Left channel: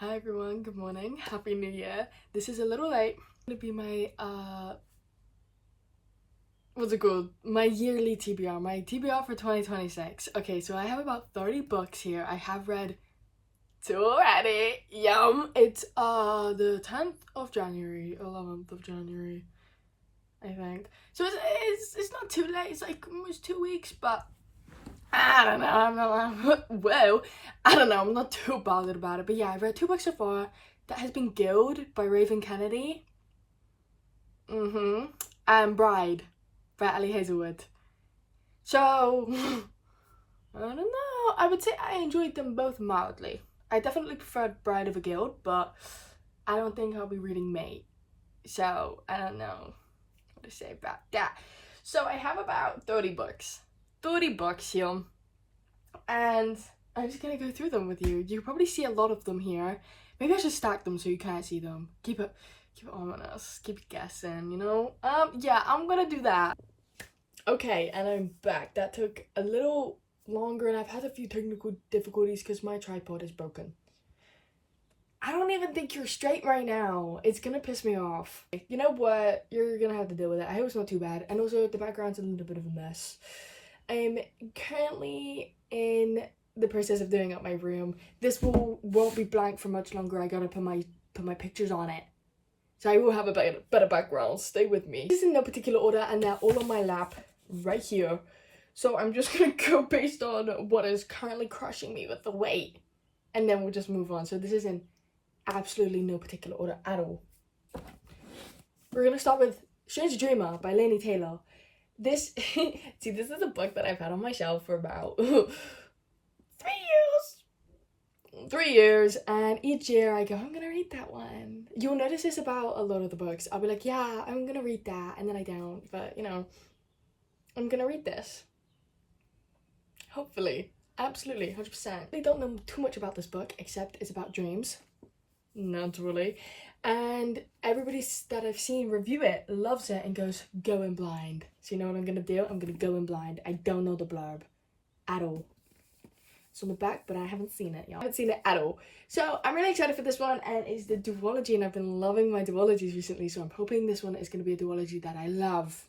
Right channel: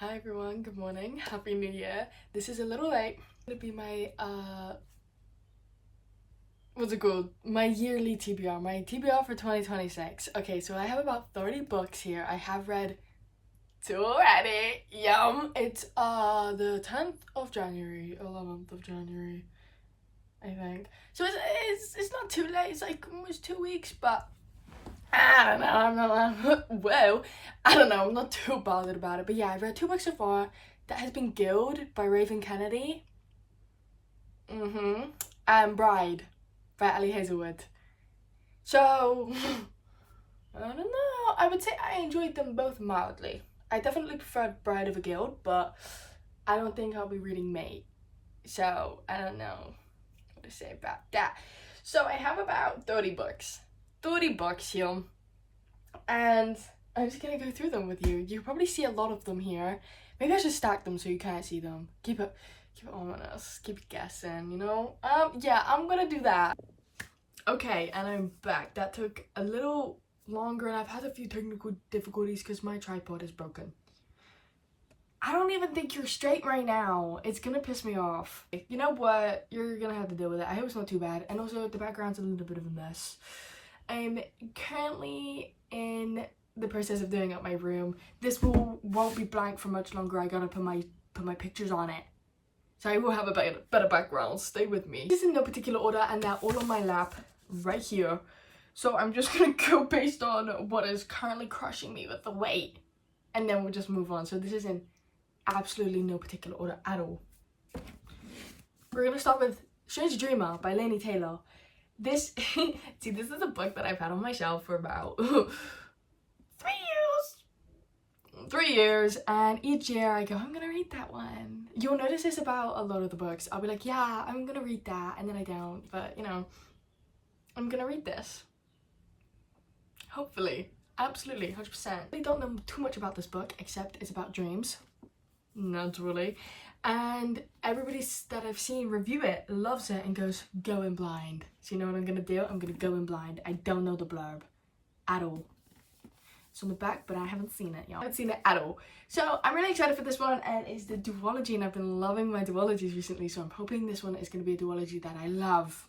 Hi everyone, good morning, happy new year. This is a little late. It's gonna be my what's it called? My yearly TBR, my TBR for 2026. Okay, so I have about 30 books here. I have read 2 already. Yum! It's the 10th of January, 11th of January, I think. So it's not too late, it's like almost 2 weeks, but I don't know, I'm not too bothered about it. But yeah, I've read 2 books so far. That has been Guild by Raven Kennedy. And Bride by Ali Hazelwood. So, I don't know. I would say I enjoyed them both mildly. I definitely preferred Bride over Guild, but I don't think I'll be reading Mate. So, I don't know what to say about that. So, I have about 30 books. 30 books here, and I'm just gonna go through them with you. You probably see a lot of them here. Maybe I should stack them so you can't see them. Keep it ominous, keep it guessing, you know? Yeah, I'm gonna do that. Okay, and I'm back. That took a little longer, and I've had a few technical difficulties because my tripod is broken. I don't even think you're straight right now. It's gonna piss me off. You know what? You're gonna have to deal with it. I hope it's not too bad. And also, the background's a little bit of a mess. I'm currently in the process of doing up my room. This won't be blank for much longer. I gotta put my pictures on it, so I will have a better background. Stay with me. This is in no particular order, and they're all on my lap right here. So I'm just gonna go based on what is currently crushing me with the weight, and then we'll just move on. So this is in absolutely no particular order at all. We're gonna start with Strange Dreamer by Laini Taylor. This is a book that I've had on my shelf for about 3 years, and each year I go, I'm gonna read that one. You'll notice this about a lot of the books. I'll be like, yeah, I'm gonna read that, and then I don't, but you know, I'm gonna read this. Hopefully. Absolutely, 100%. I don't know too much about this book, except it's about dreams. Naturally. And everybody that I've seen review it loves it and goes, go in blind. So you know what I'm gonna do? I'm gonna go in blind. I don't know the blurb at all. It's on the back, but I haven't seen it, y'all. I haven't seen it at all. So I'm really excited for this one, and it's the duology, and I've been loving my duologies recently, so I'm hoping this one is gonna be a duology that I love.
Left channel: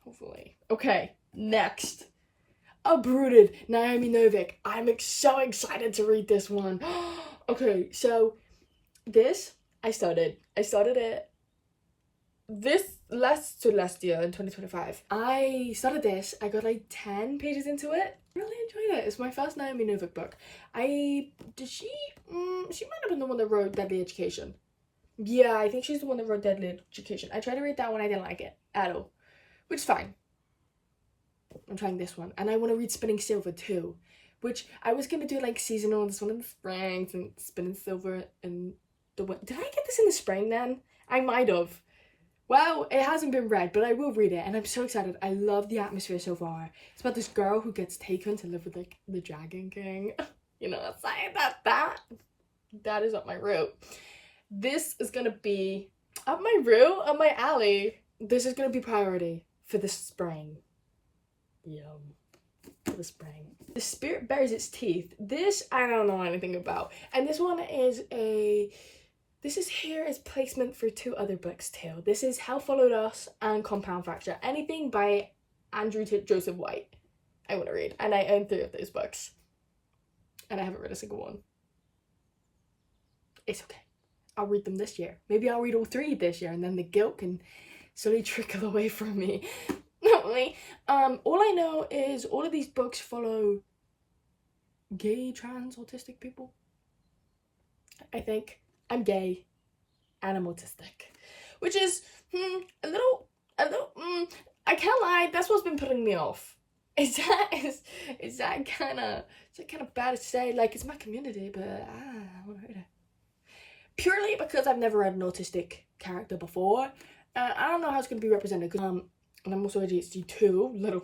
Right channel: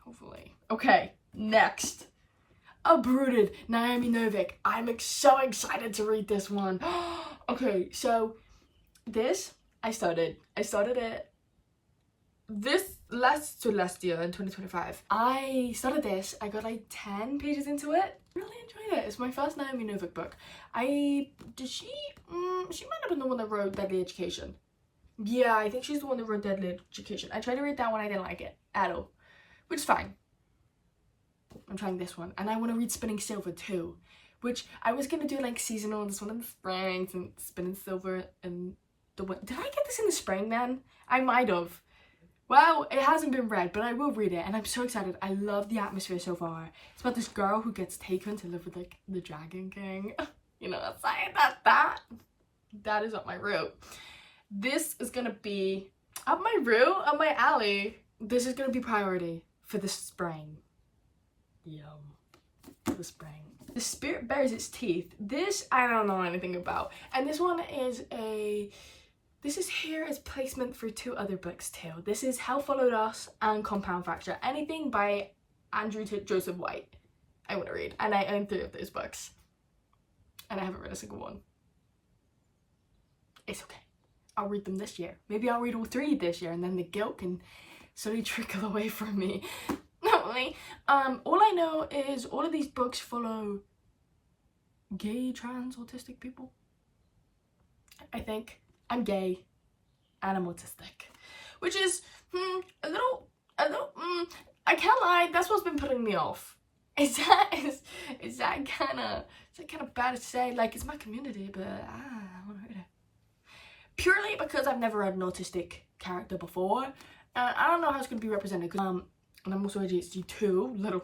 Hopefully. Okay, next. Uprooted, Naomi Novik. I'm so excited to read this one. Okay, so this, I started it this last year in 2025. I started this, I got like 10 pages into it. Really enjoyed it. It's my first Naomi Novik book. She might have been the one that wrote Deadly Education. Yeah, I think she's the one that wrote Deadly Education. I tried to read that one, I didn't like it at all, which is fine. I'm trying this one, and I want to read Spinning Silver too, which I was gonna do like seasonal, this one in the spring, and Spinning Silver in the winter. Did I get this in the spring then? I might have. Well, it hasn't been read, but I will read it, and I'm so excited. I love the atmosphere so far. It's about this girl who gets taken to live with like the Dragon King. You know, that's like that is up my route. This is gonna be up my route, up my alley. This is gonna be priority for the spring. Yum. For the spring. The Spirit Bears Its Teeth. This I don't know anything about, and this one is here as placement for 2 other books too. This is Hell Followed Us and Compound Fracture. Anything by Andrew Joseph White I want to read, and I own 3 of those books, and I haven't read a single one. It's okay. I'll read them this year. Maybe I'll read all 3 this year, and then the guilt can slowly trickle away from me. Not really. All I know is all of these books follow gay, trans, autistic people. I think. I'm gay and I'm autistic, which is a little I can't lie, that's what's been putting me off. Is that kind of bad to say? Like, it's my community, but I want to read it purely because I've never read an autistic character before. I don't know how it's going to be represented, and I'm also ADHD too. Little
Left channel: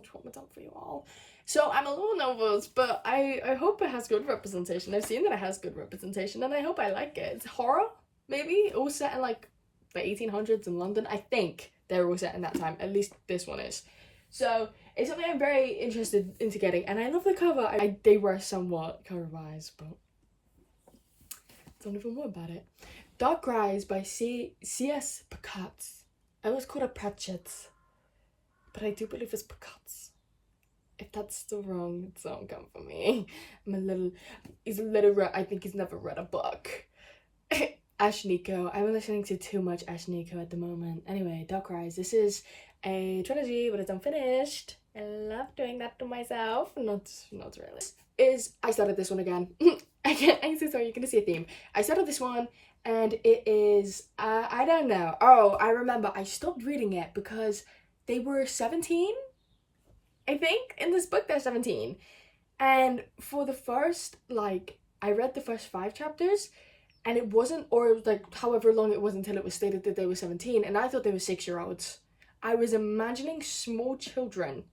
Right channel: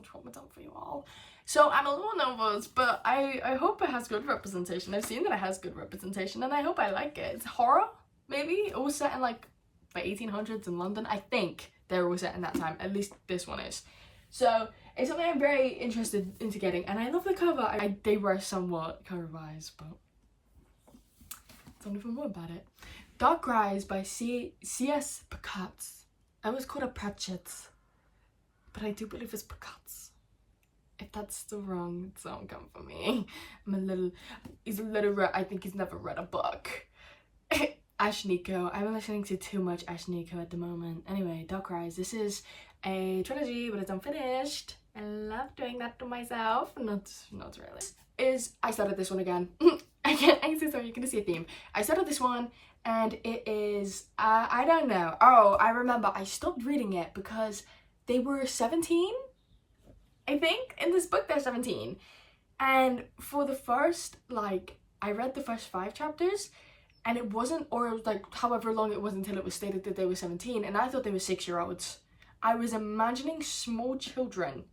trauma dump for you all. So I'm a little nervous, but I hope it has good representation. I've seen that it has good representation, and I hope I like it. It's horror, maybe, all set in like the 1800s in London. I think they're all set in that time. At least this one is. So it's something I'm very interested into getting, and I love the cover. They were somewhat cover-wise, but Don't even worry about it. Dark Rise by C.S. Picatz. I always call it Pratchett's, but I do believe it's Picatz. If that's still wrong, don't come for me. He's illiterate. I think he's never read a book. Ash Nico. I'm listening to too much Ash Nico at the moment. Anyway, Dark Rise. This is a trilogy, but it's unfinished. I love doing that to myself. Not really. I started this one again. I'm so sorry, you're gonna see a theme. I started this one, and it is, I don't know. Oh, I remember, I stopped reading it because they were 17, I think. In this book, they're 17. And for the first, I read the first 5 chapters, and it wasn't, or however long it was until it was stated that they were 17, and I thought they were 6-year-olds. I was imagining small children,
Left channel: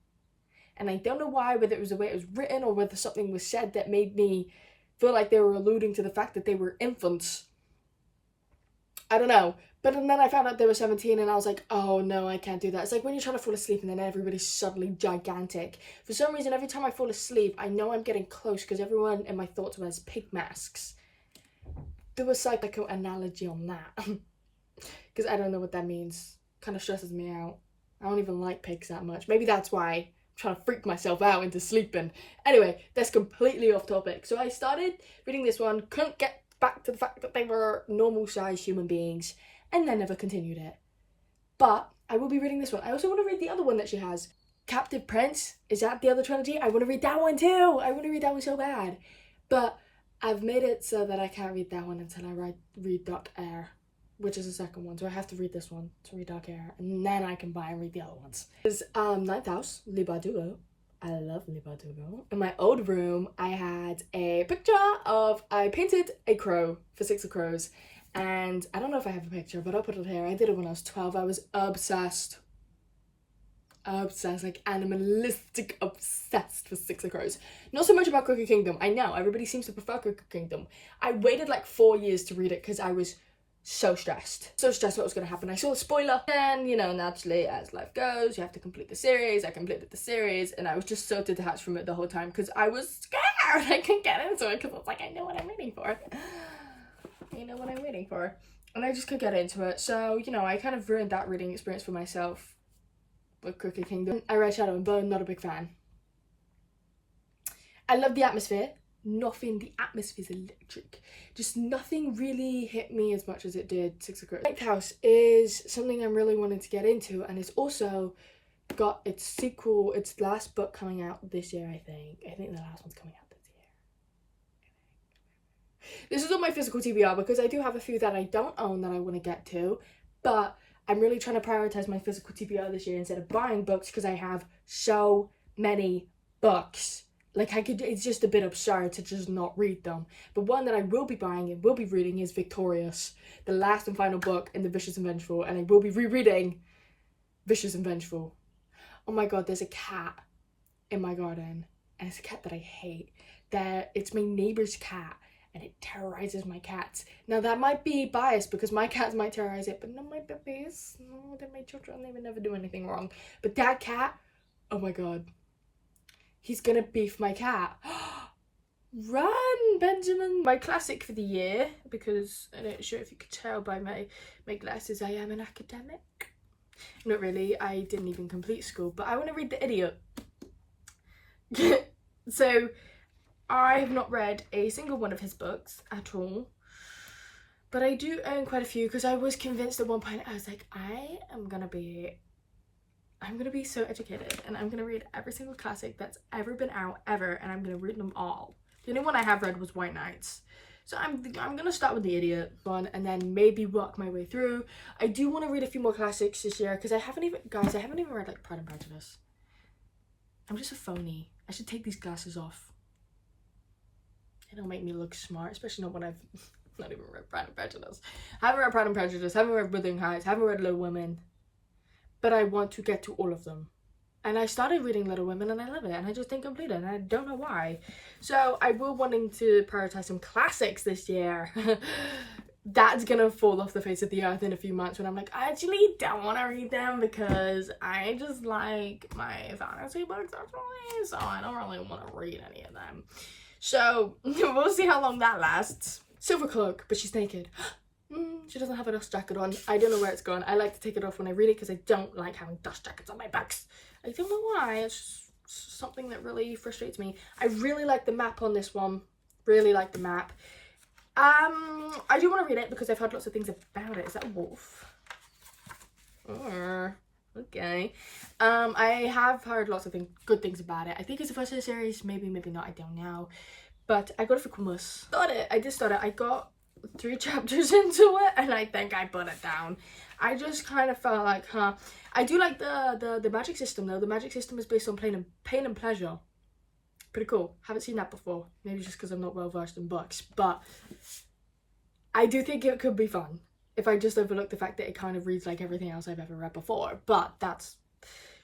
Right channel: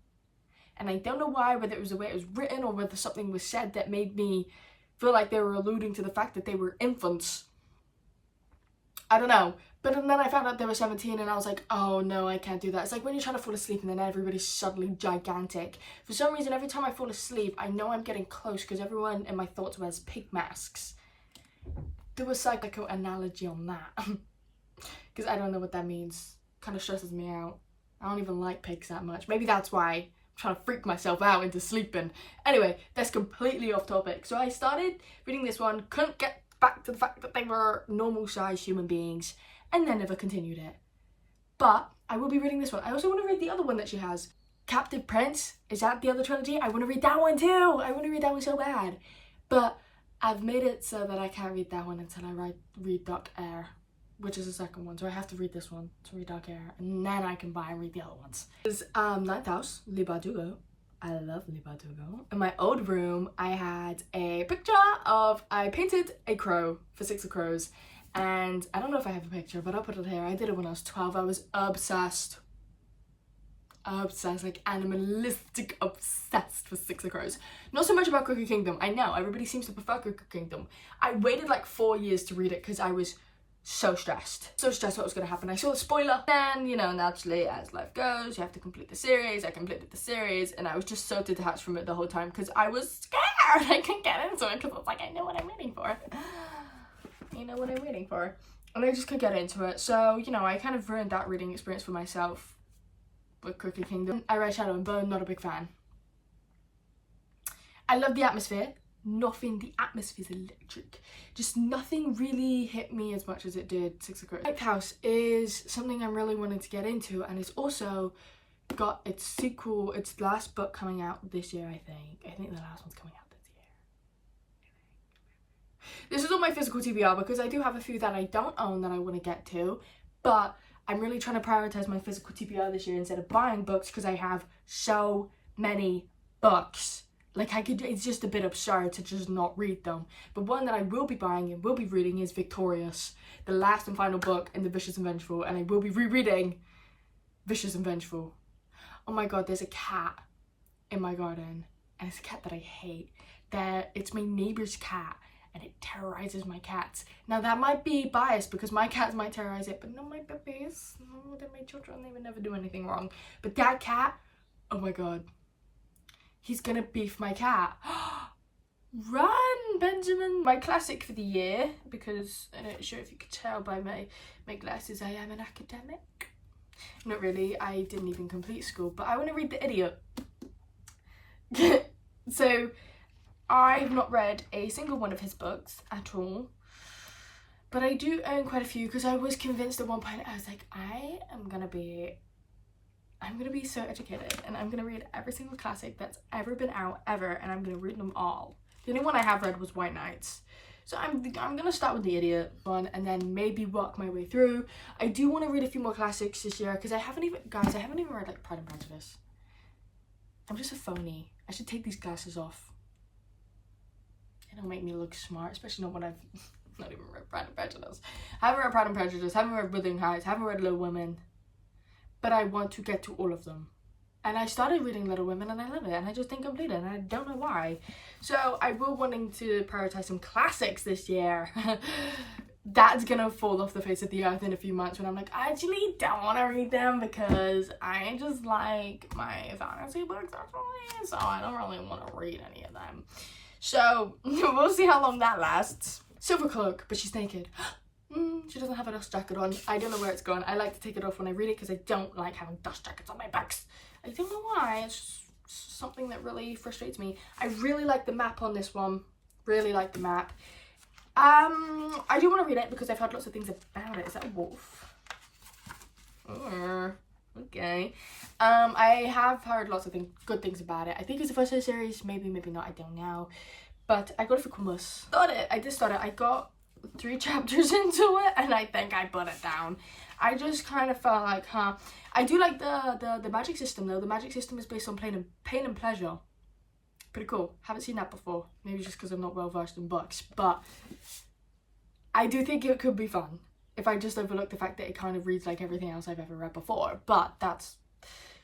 and I don't know why, whether it was the way it was written or whether something was said that made me feel like they were alluding to the fact that they were infants. I don't know. But then I found out they were 17 and I was like, oh no, I can't do that. It's like when you're trying to fall asleep and then everybody's suddenly gigantic. For some reason, every time I fall asleep, I know I'm getting close because everyone in my thoughts wears pig masks. Do a psychical analogy on that. Because I don't know what that means. Kind of stresses me out. I don't even like pigs that much. Maybe that's why I'm trying to freak myself out into sleeping. Anyway, that's completely off topic. So I started reading this one, couldn't get back to the fact that they were normal-sized human beings, and then never continued it. But I will be reading this one. I also want to read the other one that she has. Captive Prince. Is that the other trilogy? I want to read that one too. I want to read that one so bad. But I've made it so that I can't read that one until I read Dark Air, which is the second one. So I have to read this one to read Dark Air, and then I can buy and read the other ones. This is Ninth House, Le Bardugo. I love Le Bardugo. In my old room, I had a picture of, I painted a crow for Six of Crows, and I don't know if I have a picture, but I'll put it here. I did it when I was 12. I was obsessed, like animalistic obsessed with Six of Crows. Not so much about Crooked Kingdom. I know everybody seems to prefer Crooked Kingdom. I waited like 4 years to read it because I was so stressed what was going to happen. I saw a spoiler, and you know, naturally, as life goes, you have to complete the series. I completed the series, and I was just so detached from it the whole time because I was scared. I couldn't get into it because I was like, I know what I'm waiting for. You know what I'm waiting for. And I just couldn't get into it. So, you know, I kind of ruined that reading experience for myself with Crooked Kingdom. I read Shadow and Bone, not a big fan. I love the atmosphere. The atmosphere's electric. Just nothing really hit me as much as it did Six of Crows. Ninth House is something I'm really wanting to get into, and it's also got its sequel, its last book coming out this year, I think. I think the last one's coming out this year. This is on my physical TBR because I do have a few that I don't own that I want to get to, but I'm really trying to prioritize my physical TBR this year instead of buying books because I have so many books. Like, it's just a bit absurd to just not read them. But one that I will be buying and will be reading is Victorious, the last and final book in the Vicious and Vengeful, and I will be rereading Vicious and Vengeful. Oh my god, there's a cat in my garden, and it's a cat that I hate. It's my neighbor's cat, and it terrorizes my cats. Now, that might be biased because my cats might terrorize it, but not my puppies. No, they're my children. They would never do anything wrong. But that cat, oh my god. He's gonna beef my cat. Run, Benjamin! My classic for the year, because I'm not sure if you could tell by my glasses, I am an academic. Not really, I didn't even complete school, but I want to read The Idiot. So, I've not read a single one of his books at all, but I do own quite a few because I was convinced at one point, I was like, I'm gonna be so educated, and I'm gonna read every single classic that's ever been out ever, and I'm gonna read them all. The only one I have read was White Knights, so I'm gonna start with The Idiot one and then maybe work my way through. I do want to read a few more classics this year because I haven't even read like Pride and Prejudice. I'm just a phony. I should take these glasses off. It'll make me look smart, especially not when I've not even read Pride and Prejudice. Haven't read Pride and Prejudice. Haven't read Wuthering Heights. Haven't read Little Women. But I want to get to all of them. And I started reading Little Women and I love it, and I just didn't complete it, and I don't know why. So I will wanting to prioritize some classics this year. That's gonna fall off the face of the earth in a few months when I'm like, I actually don't want to read them because I just like my fantasy books actually, so I don't really want to read any of them. So we'll see how long that lasts. Silver cloak, but she's naked. She doesn't have a dust jacket on. I don't know where it's gone. I like to take it off when I read it because I don't like having dust jackets on my books. I don't know why. It's just something that really frustrates me. I really like the map on this one. Really like the map. I do want to read it because I've heard lots of things about it. Is that a wolf? Okay. I have heard lots of good things about it. I think it's the first of the series. Maybe not. I don't know. But I got it for Christmas. I did start it. I got 3 chapters into it and I think I put it down. I just kind of felt like, I do like the magic system though. The magic system is based on pain and pleasure. Pretty cool. Haven't seen that before. Maybe just because I'm not well versed in books. But I do think it could be fun if I just overlook the fact that it kind of reads like everything else I've ever read before. But that's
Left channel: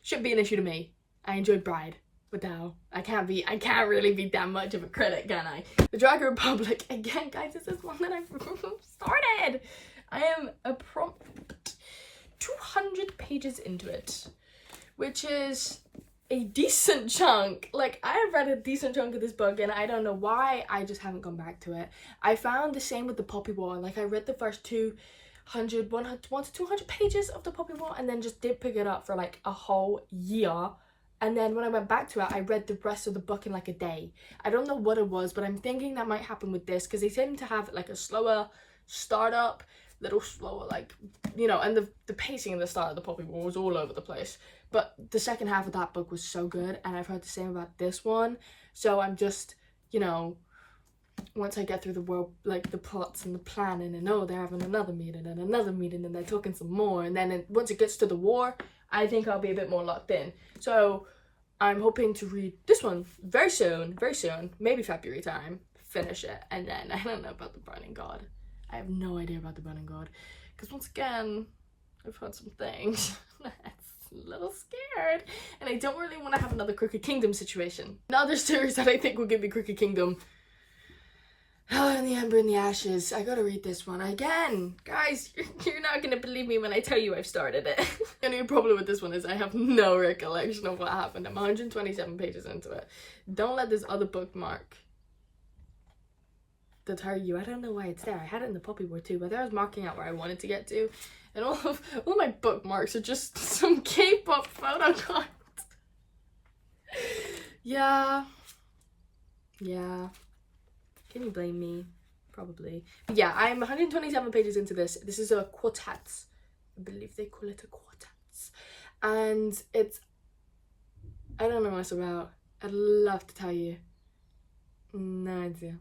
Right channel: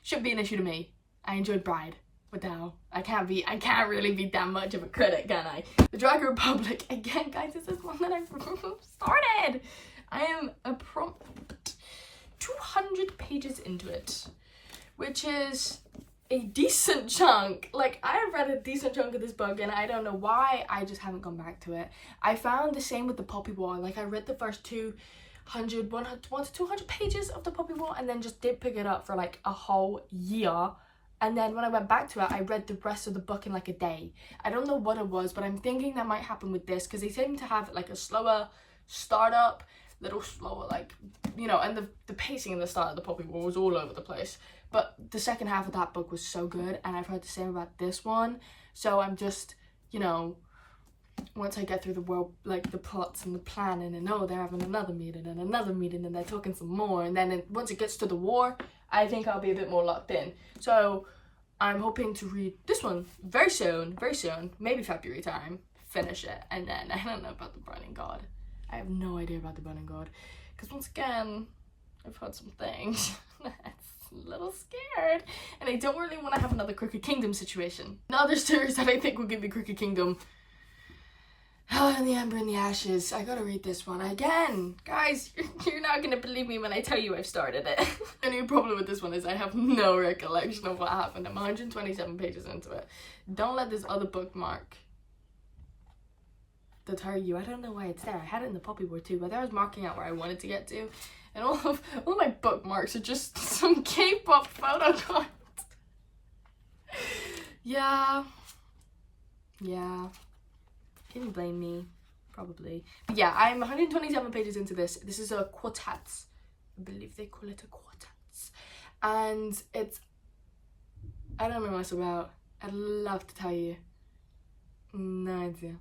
shouldn't be an issue to me. I enjoyed Bride. What the hell? I can't really be that much of a critic, can I? The Dragon Republic, again, guys, this is one that I've started. I am a prompt 200 pages into it, which is a decent chunk. Like, I have read a decent chunk of this book and I don't know why I just haven't gone back to it. I found the same with the Poppy War. Like, I read the first 1 to 200 pages of the Poppy War and then just did pick it up for like a whole year. And then when I went back to it, I read the rest of the book in like a day. I don't know what it was, but I'm thinking that might happen with this because they seem to have like a slower startup, little slower, like, you know, and the pacing in the start of the Poppy War was all over the place. But the second half of that book was so good, and I've heard the same about this one. So I'm just, you know, once I get through the world, like the plots and the planning, and oh, they're having another meeting and they're talking some more, and then once it gets to the war, I think I'll be a bit more locked in. So I'm hoping to read this one very soon, maybe February time, finish it, and then I don't know about the Burning God. I have no idea about the Burning God, because once again, I've heard some things. A little scared, and I don't really want to have another Crooked Kingdom situation. Another series that I think will give me Crooked Kingdom. Hell in the Ember and the Ashes. I gotta read this one again. Guys, you're not gonna believe me when I tell you I've started it. The new problem with this one is I have no recollection of what happened. I'm 127 pages into it. Don't let this other bookmark deter you. I don't know why it's there. I had it in the Poppy War too, but I was marking out where I wanted to get to, and all my bookmarks are just some K-pop photo cards. Yeah. Can you blame me? Probably. But yeah, I'm 127 pages into this. This is a quartet. I believe they call it a quartet. And it's, I don't know what it's about. I'd love to tell you. No idea.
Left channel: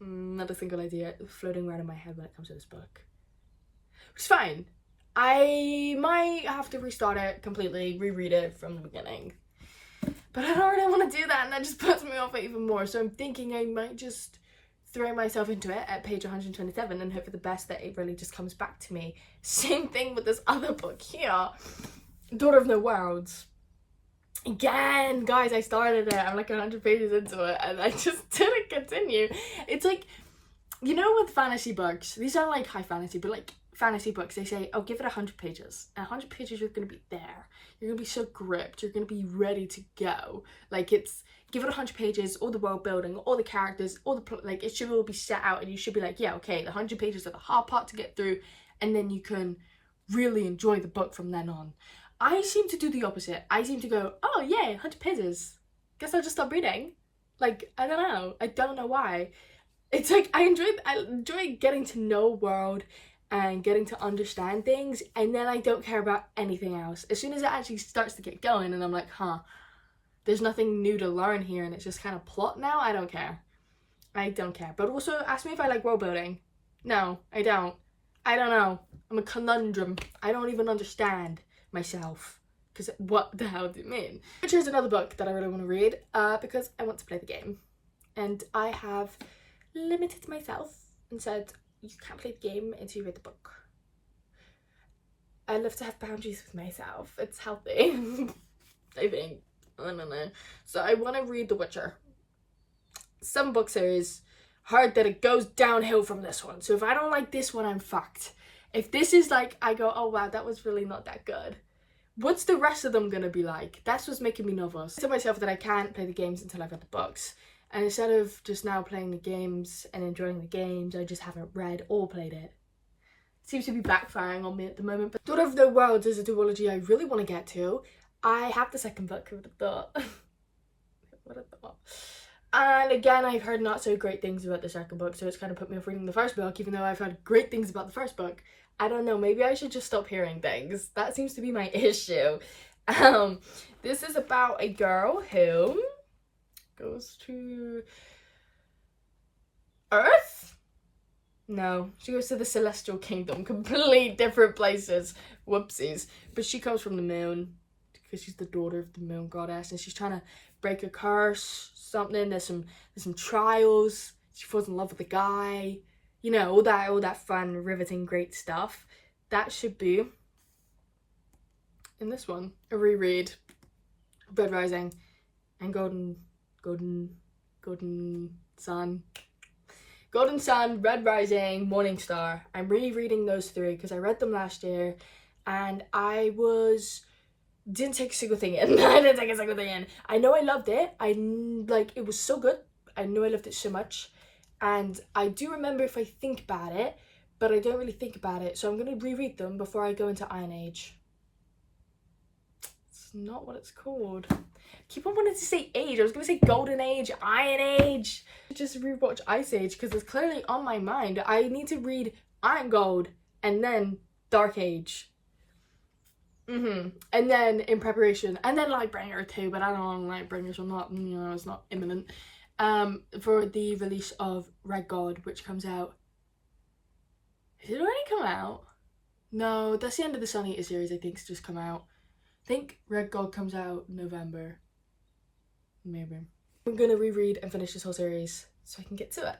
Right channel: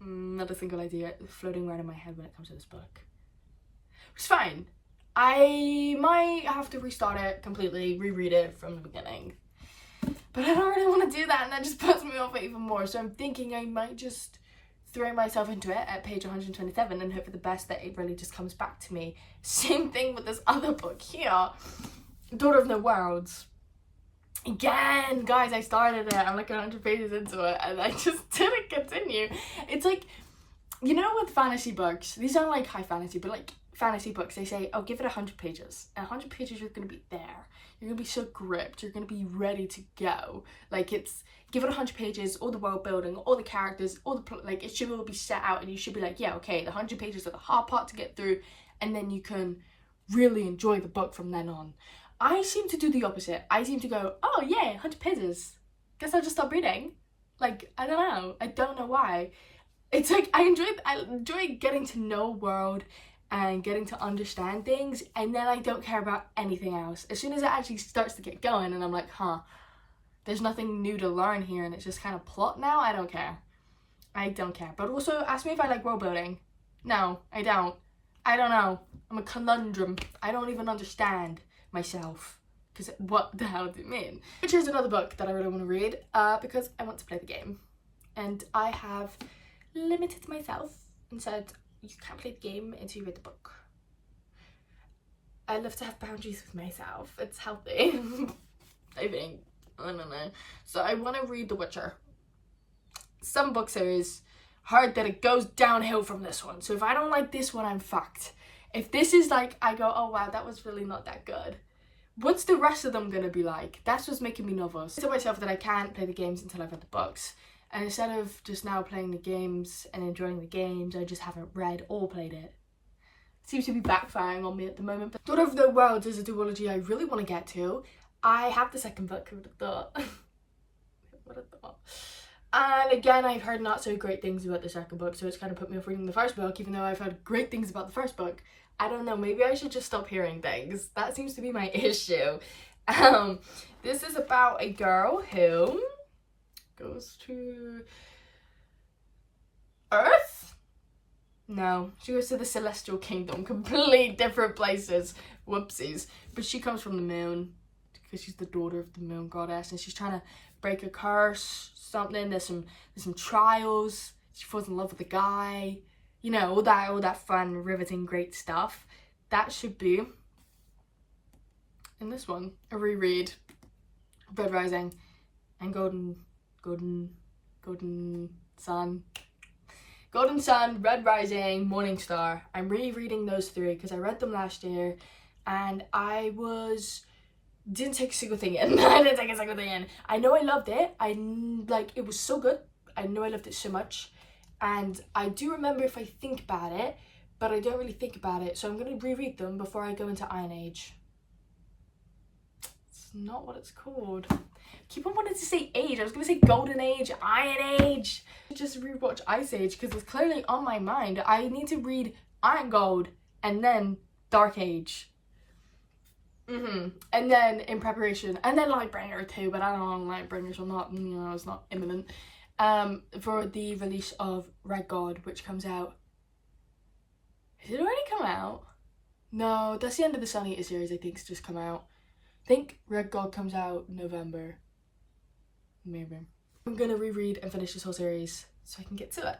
Not a single idea floating around in my head when it comes to this book. It's fine. I might have to restart it completely, reread it from the beginning. But I don't really want to do that, and that just puts me off it even more. So I'm thinking I might just throw myself into it at page 127 and hope for the best that it really just comes back to me. Same thing with this other book here, Daughter of No Worlds. Again, guys, I started it. I'm like 100 pages into it and I just didn't continue. It's like, you know, with fantasy books, these aren't like high fantasy, but like fantasy books, they say, oh, give it 100 pages. At 100 pages, you're going to be there. You're going to be so gripped. You're going to be ready to go. Like, it's, give it 100 pages, all the world building, all the characters, all the plot, like, it should all be set out and you should be like, yeah, okay, the 100 pages are the hard part to get through, and then you can really enjoy the book from then on. I seem to do the opposite. I seem to go, oh, yeah, 100 pages. Guess I'll just stop reading. Like, I don't know. I don't know why. It's like, I enjoy getting to know a world and getting to understand things, and then I don't care about anything else. As soon as it actually starts to get going and I'm like, there's nothing new to learn here and it's just kind of plot now, I don't care. I don't care. But also, ask me if I like world building. No, I don't. I don't know. I'm a conundrum. I don't even understand myself. Because what the hell do you mean? Which is another book that I really want to read because I want to play the game. And I have limited myself and said, you can't play the game until you read the book. I love to have boundaries with myself. It's healthy. I think. I don't know. So I want to read The Witcher. Some book series, heard that it goes downhill from this one. So if I don't like this one, I'm fucked. If this is like, I go, oh wow, that was really not that good. What's the rest of them gonna be like? That's what's making me nervous. I tell myself that I can't play the games until I've read the books. And instead of just now playing the games and enjoying the games, I just haven't read or played it. Seems to be backfiring on me at the moment. But Daughter of the Worlds is a duology I really want to get to. I have the second book, who would have thought? Who would have thought? And again, I've heard not so great things about the second book, so it's kind of put me off reading the first book, even though I've heard great things about the first book. I don't know, maybe I should just stop hearing things. That seems to be my issue. This is about a girl who goes to Earth? No, she goes to the Celestial Kingdom. Complete different places. Whoopsies. But she comes from the moon because she's the daughter of the moon goddess, and she's trying to break a curse, something. There's some trials. She falls in love with a guy. You know, all that fun, riveting, great stuff. That should be in this one. A reread. Red Rising and Golden Sun. Golden Sun, Red Rising, Morning Star. I'm rereading those three because I read them last year and I didn't take a single thing in. I didn't take a single thing in. I know I loved it. It was so good. I know I loved it so much. And I do remember if I think about it, but I don't really think about it. So I'm going to reread them before I go into Iron Age. It's not what it's called. I keep on wanting to say Age. I was going to say Golden Age, Iron Age. Just rewatch Ice Age because it's clearly on my mind. I need to read Iron Gold and then Dark Age. And then in preparation, and then Lightbringer too, but I don't know, Lightbringers are not, it's not imminent. For the release of Red God, which comes out. Has it already come out? No, that's the end of the Sun Eater series, I think, it's just come out. I think Red God comes out November. Maybe. I'm gonna reread and finish this whole series so I can get to it.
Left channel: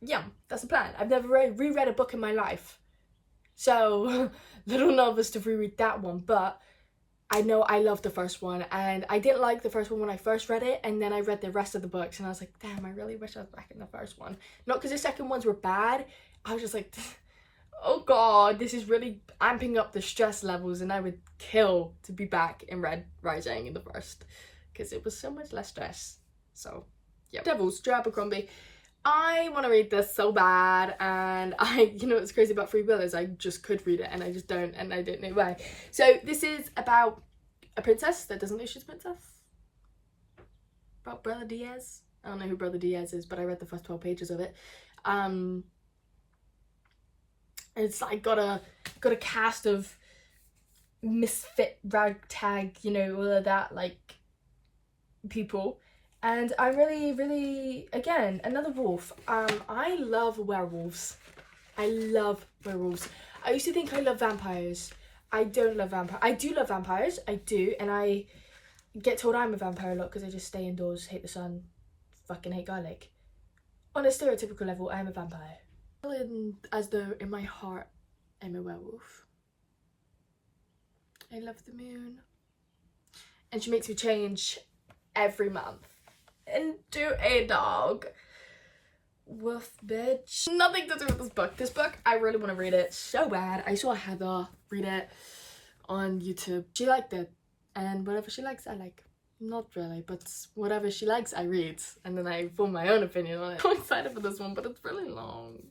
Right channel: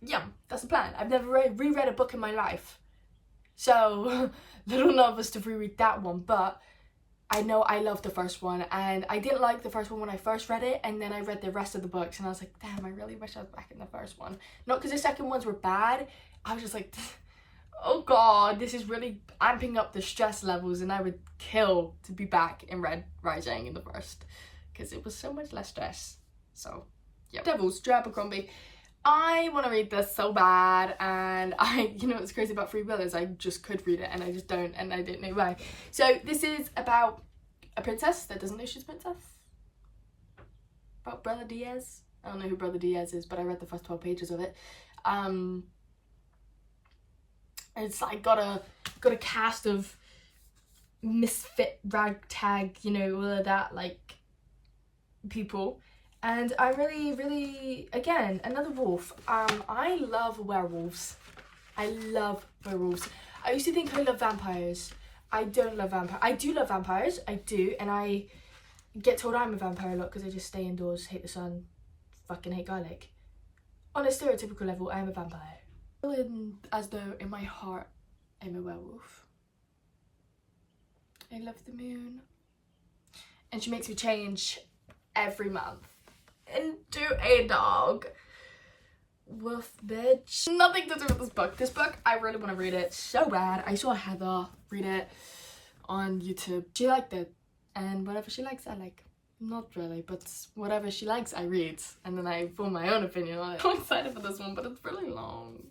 Yeah, that's the plan. I've never reread a book in my life. So, little nervous to reread that one, but I know I loved the first one, and I didn't like the first one when I first read it, and then I read the rest of the books, and I was like, damn, I really wish I was back in the first one. Not because the second ones were bad, I was just like, oh god, this is really amping up the stress levels, and I would kill to be back in Red Rising in the first, because it was so much less stress. So, yeah. Devils, Joe Abercrombie. I want to read this so bad, and you know what's crazy about Free Will is I just could read it and I just don't, and I don't know why. So this is about a princess that doesn't know she's a princess. About Brother Diaz. I don't know who Brother Diaz is, but I read the first 12 pages of it. It's like got a cast of misfit ragtag, you know, all of that like people. And I'm really, again, another wolf. I love werewolves. I love werewolves. I used to think I love vampires. I don't love vampires. I do love vampires. I do. And I get told I'm a vampire a lot because I just stay indoors, hate the sun, fucking hate garlic. On a stereotypical level, I am a vampire. As though in my heart, I'm a werewolf. I love the moon. And she makes me change every month into a dog. Woof, bitch. Nothing to do with this book. This book, I really want to read it so bad. I saw Heather read it on YouTube. She liked it, and whatever she likes, I like. Not really, but whatever she likes, I read, and then I form my own opinion on it. I'm excited for this one, but it's really long.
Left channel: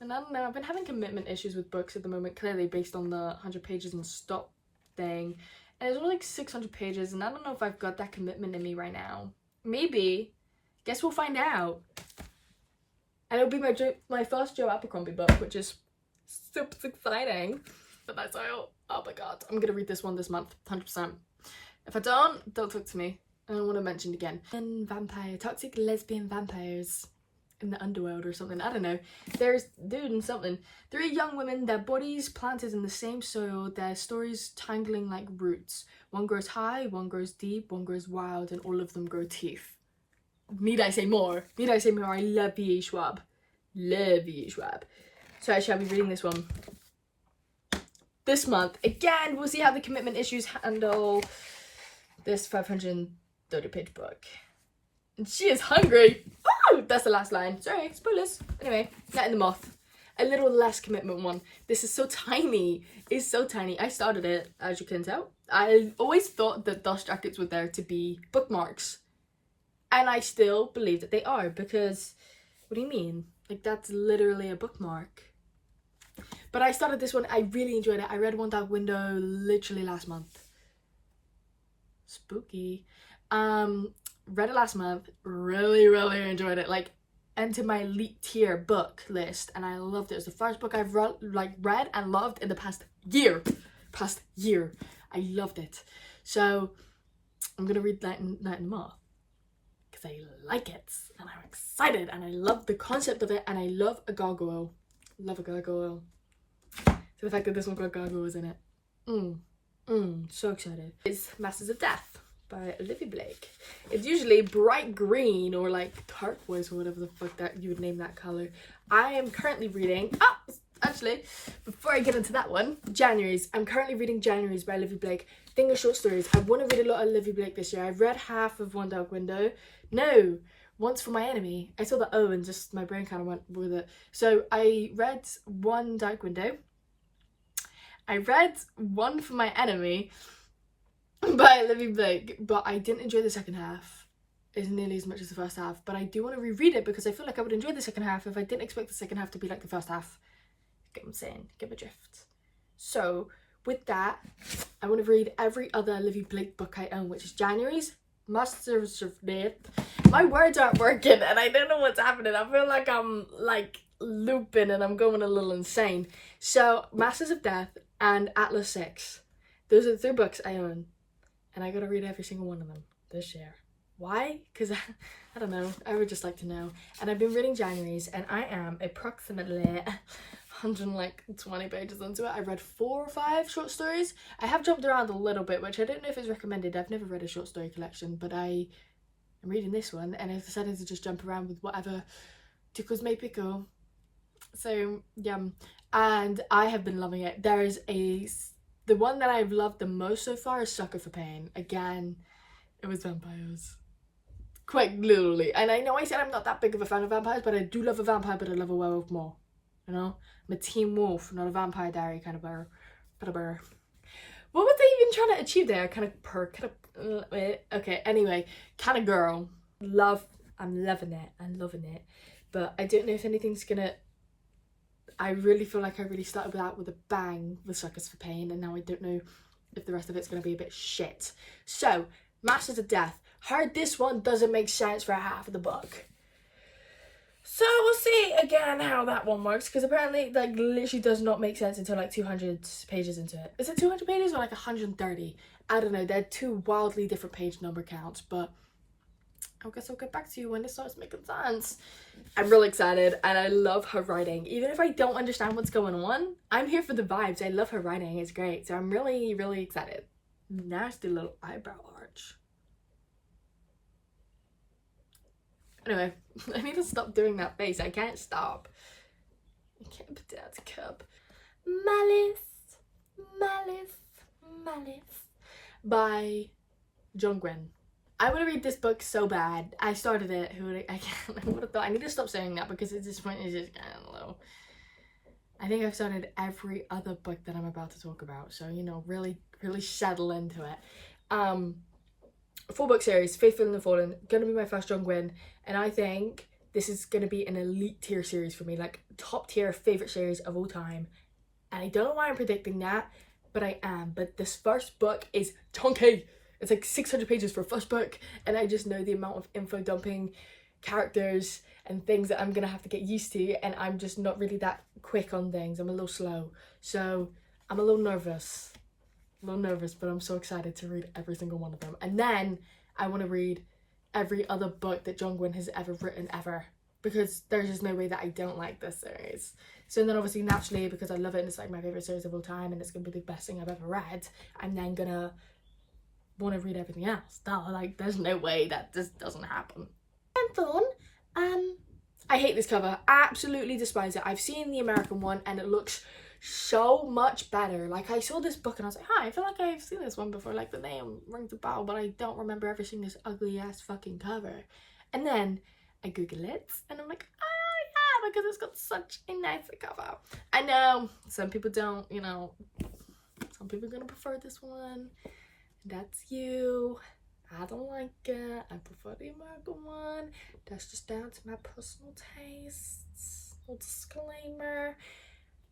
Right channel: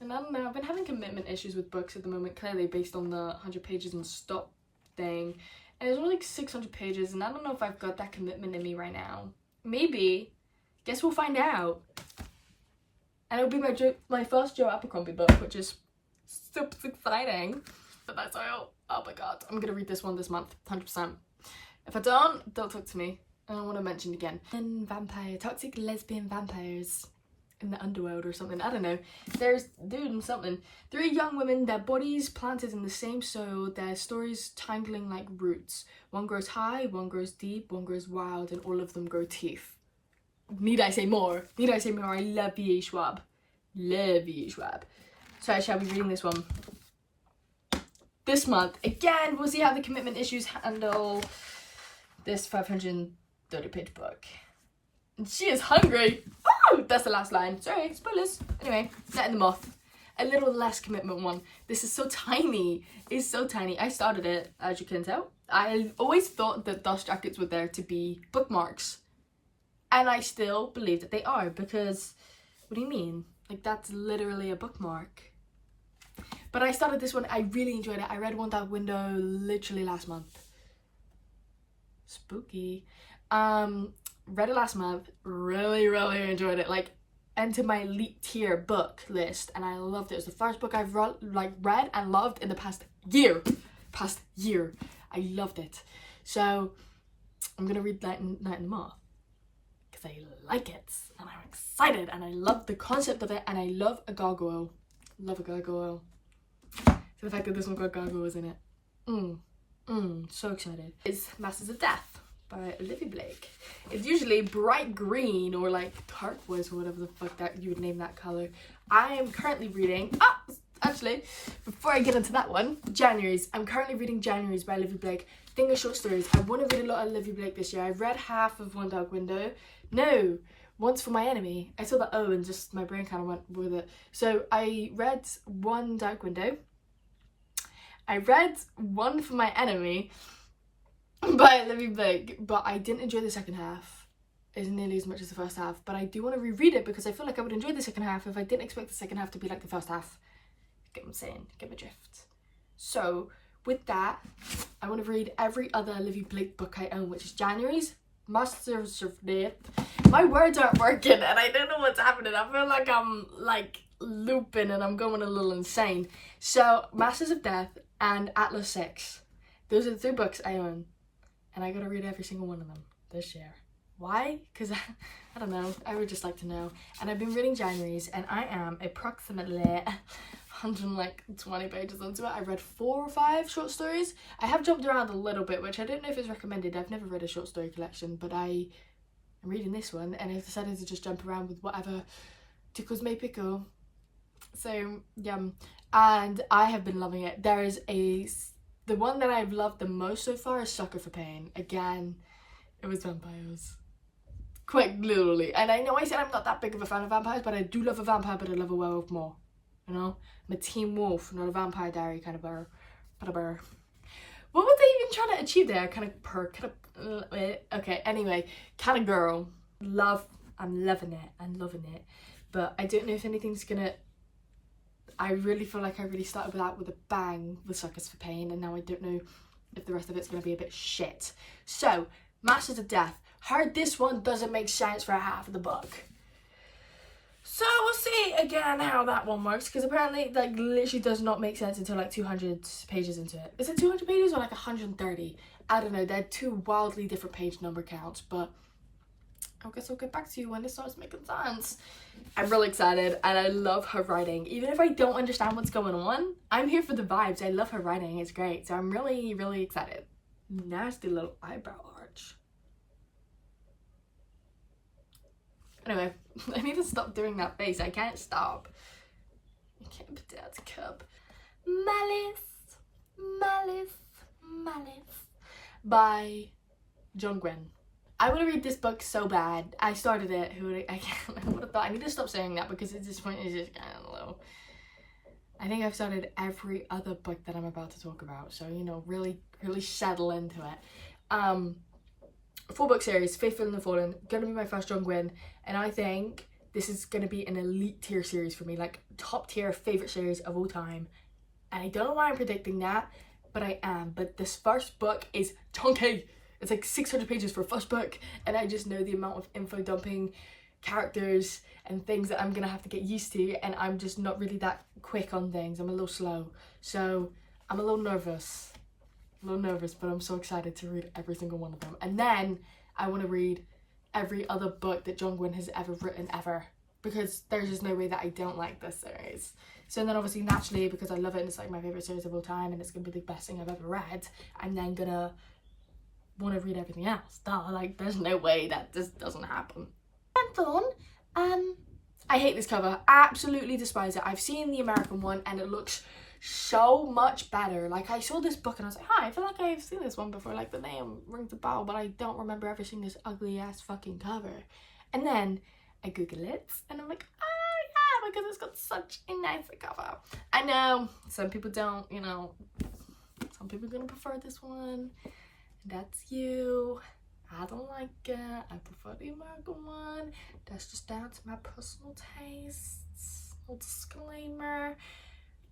And I don't know, I've been having commitment issues with books at the moment, clearly based on the 100 pages and stop thing. And it's only like 600 pages, and I don't know if I've got that commitment in me right now. Maybe. Guess we'll find out. And it'll be my first Joe Abercrombie book, which is super exciting. But that's all. Oh my god. I'm gonna read this one this month, 100%. If I don't talk to me. I don't want to mention it again. And vampire, toxic lesbian vampires in the underworld or something. I don't know. There's doing something. 3 young women, their bodies planted in the same soil, their stories tangling like roots. One grows high, one grows deep, one grows wild, and all of them grow teeth. Need I say more? Need I say more? I love V.A. Schwab. Love V.A. Schwab. So I shall be reading this one this month. Again, we'll see how the commitment issues handle this 530-page book. And she is hungry. Oh, that's the last line. Sorry, spoilers. Anyway, Night in the Moth. A little less commitment one. This is so tiny. It's so tiny. I started it, as you can tell. I always thought that dust jackets were there to be bookmarks. And I still believe that they are, because what do you mean? Like, that's literally a bookmark. But I started this one. I really enjoyed it. I read One Dark Window literally last month. Spooky. Read it last month. Really enjoyed it. Like, entered my elite tier book list, and I loved it. It was the first book I've read and loved in the past year. I loved it. So I'm gonna read Night in the Moth because I like it and I'm excited and I love the concept of it, and I love a gargoyle. Love a gargoyle. So the fact that this one got gargoyles in it. So excited. It's Masters of Death by Olivia Blake. It's usually bright green or like turquoise or whatever the fuck that you would name that color. I am currently reading, actually, before I get into that one, January's. I'm currently reading January's by Olivia Blake. Thing of short stories. I want to read a lot of Olivia Blake this year. I've read half of One Dark Window. No, Once for My Enemy. I saw the O and just my brain kind of went with it. So I read One Dark Window. I read One for My Enemy by Olivia Blake, but I didn't enjoy the second half as nearly as much as the first half. But I do want to reread it because I feel like I would enjoy the second half if I didn't expect the second half to be like the first half. Get what I'm saying? Get my drift. So with that, I want to read every other Olivia Blake book I own, which is January's, Masters of Death. My words aren't working and I don't know what's happening. I feel like I'm like looping and I'm going a little insane. So Masters of Death and Atlas 6. Those are the 3 books I own. And I gotta read every single one of them this year. Why? Because I don't know. I would just like to know. And I've been reading January's and I am approximately 120 pages into it. I read 4 or 5 short stories. I have jumped around a little bit, which I don't know if it's recommended. I've never read a short story collection, but I am reading this one and I've decided to just jump around with whatever tickles my pickle. So yeah, and I have been loving it. There is the one that I've loved the most so far is Sucker for Pain. Again, it was vampires. Quite literally. And I know I said I'm not that big of a fan of vampires, but I do love a vampire, but I love a werewolf more. You know? I'm a teen wolf, not a Vampire Diary kind of bear. What was they even trying to achieve there? Okay, anyway, kind of girl. I'm loving it. But I don't know if anything's gonna... I really feel like I really started with that with a bang with Suckers for Pain, and now I don't know if the rest of it's going to be a bit shit. So, Masters of Death. Heard this one doesn't make sense for half of the book. So, we'll see again how that one works, because apparently, like, literally does not make sense until, like, 200 pages into it. Is it 200 pages or, like, 130? I don't know. They're 2 wildly different page number counts, but I guess I'll get back to you when it starts making sense. I'm really excited and I love her writing. Even if I don't understand what's going on, I'm here for the vibes. I love her writing. It's great. So I'm really excited. Nasty little eyebrow arch. Anyway, I need to stop doing that face. I can't stop. I can't put down the cup. Malice by John Gwynne. I want to read this book so bad. I started it. I would have thought I need to stop saying that because at this point it's just kind of low. I think I've started every other book that I'm about to talk about. So, you know, really settle into it. 4-book series, Faithful and the Fallen. Gonna be my first John Gwynne. And I think this is gonna be an elite tier series for me. Like, top tier favorite series of all time. And I don't know why I'm predicting that, but I am. But this first book is chunky. It's like 600 pages for a first book, and I just know the amount of info dumping, characters, and things that I'm gonna have to get used to, and I'm just not really that quick on things. I'm a little slow, so I'm a little nervous, but I'm so excited to read every single one of them. And then I want to read every other book that John Gwynne has ever written ever, because there's just no way that I don't like this series. So then obviously, naturally, because I love it and it's like my favorite series of all time and it's gonna be the best thing I've ever read, I'm then gonna want to read everything else. Like, there's no way that this doesn't happen. And Thorn, I hate this cover. Absolutely despise it. I've seen the American one and it looks so much better. Like, I saw this book and I was like, hi, I feel like I've seen this one before. Like, the name rings a bell, but I don't remember ever seeing this ugly ass fucking cover. And then I Google it and I'm like, oh yeah, because it's got such a nice cover. I know some people don't, you know, some people are gonna prefer this one. That's you. I don't like it. I prefer the American one. That's just down to my personal tastes. Little disclaimer.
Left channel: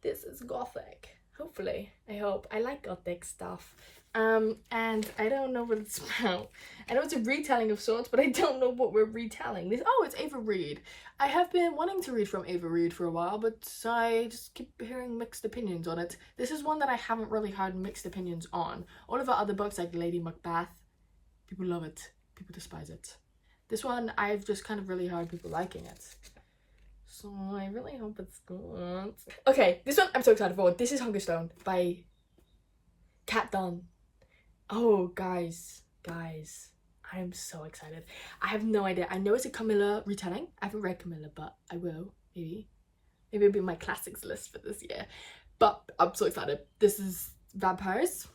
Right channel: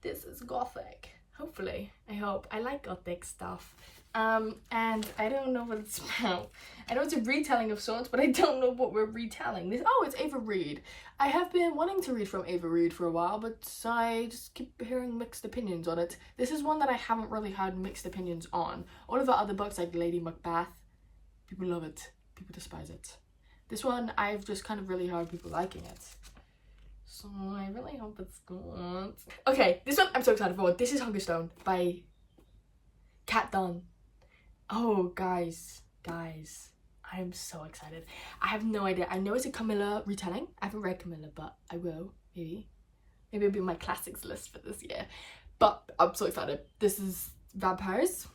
This is gothic. Hopefully. I hope. I like gothic stuff. And I don't know what it's about. I know it's a retelling of sorts, but I don't know what we're retelling. It's Ava Reid. I have been wanting to read from Ava Reid for a while, but I just keep hearing mixed opinions on it. This is one that I haven't really had mixed opinions on. All of her other books, like Lady Macbeth, people love it. People despise it. This one, I've just kind of really heard people liking it. So I really hope it's good. Okay, this one I'm so excited for. This is Hungerstone by Kat Dunn. Oh, guys, I am so excited. I have no idea. I know it's a Camilla retelling. I haven't read Camilla, but I will, maybe. Maybe it'll be my classics list for this year. But I'm so excited. This is vampires.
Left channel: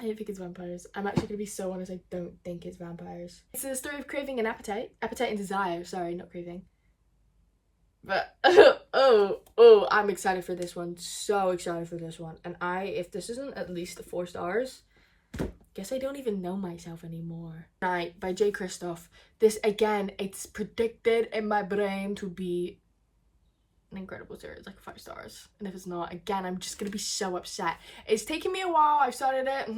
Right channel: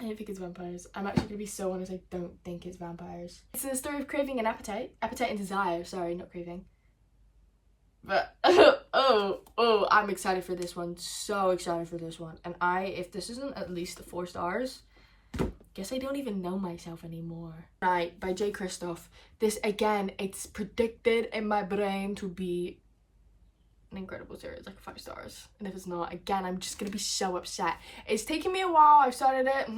I don't think it's vampires. I'm actually going to be so honest, I don't think it's vampires. It's a story of craving and appetite. Appetite and desire. Sorry, not craving. But, I'm excited for this one. So excited for this one. And if this isn't at least 4 stars, guess I don't even know myself anymore. Right, by J. Kristoff. This, again, it's predicted in my brain to be an incredible series, like 5 stars. And if it's not, again, I'm just gonna be so upset. It's taken me a while. I've started it,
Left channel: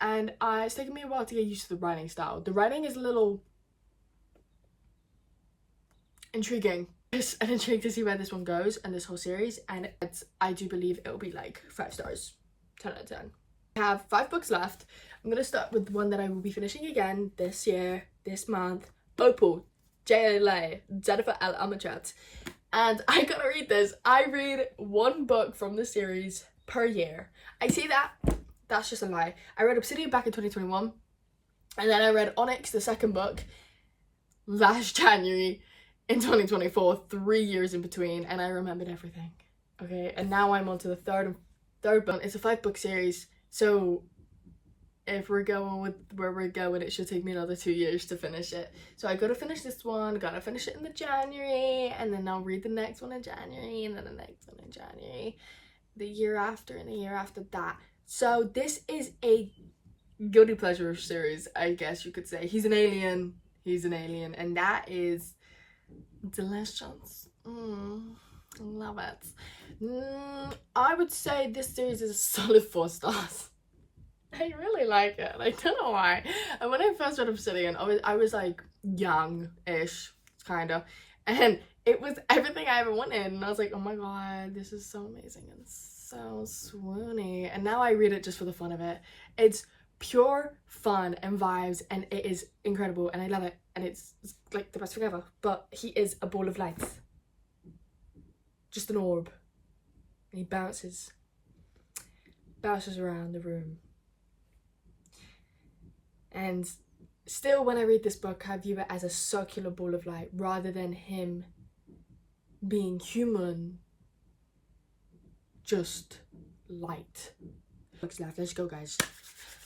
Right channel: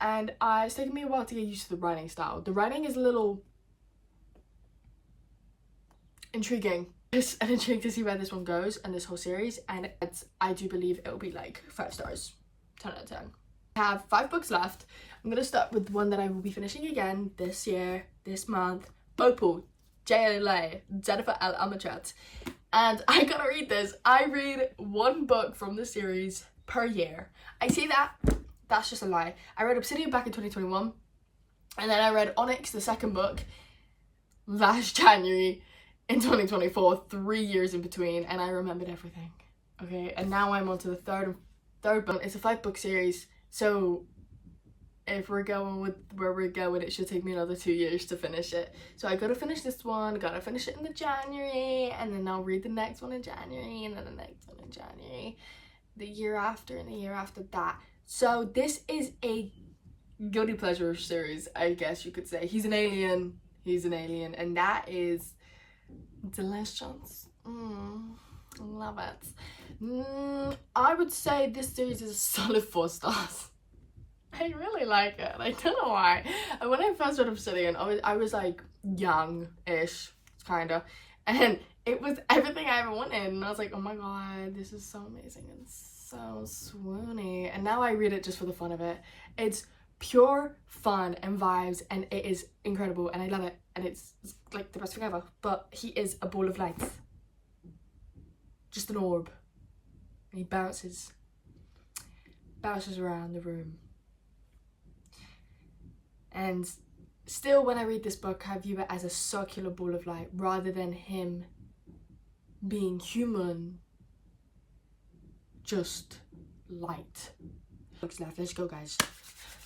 and it's taken me a while to get used to the writing style. The writing is a little intriguing. Just an intrigue to see where this one goes and this whole series, and I do believe it will be like 5 stars, 10 out of 10. I have 5 books left. I'm gonna start with one that I will be finishing again this year, this month. Opal, JLA, Jennifer L. Amatrat. And I gotta read this. I read 1 book from the series per year. I say that's just a lie. I read Obsidian back in 2021, and then I read Onyx, the second book, last January in 2024, 3 years in between, and I remembered everything. Okay, and now I'm on to the third book. It's a 5-book series, so if we're going with where we're going, it should take me another 2 years to finish it. So I gotta finish this one, gotta finish it in the January, and then I'll read the next one in January, and then the next one in January, the year after, and the year after that. So this is a guilty pleasure series, I guess you could say. He's an alien, and that is delicious. Love it. I would say this series is a solid 4 stars. I really like it. I don't know why. And when I first read Obsidian, I was like young-ish, kinda, and it was everything I ever wanted, and I was like, oh my god, this is so amazing and so swoony. And now I read it just for the fun of it. It's pure fun and vibes, and it is incredible, and I love it, and it's like the best thing ever. But he is a ball of lights, just an orb, and he bounces around the room. And still, when I read this book, I view it as a circular ball of light rather than him being human, just light. Books left. Let's go, guys.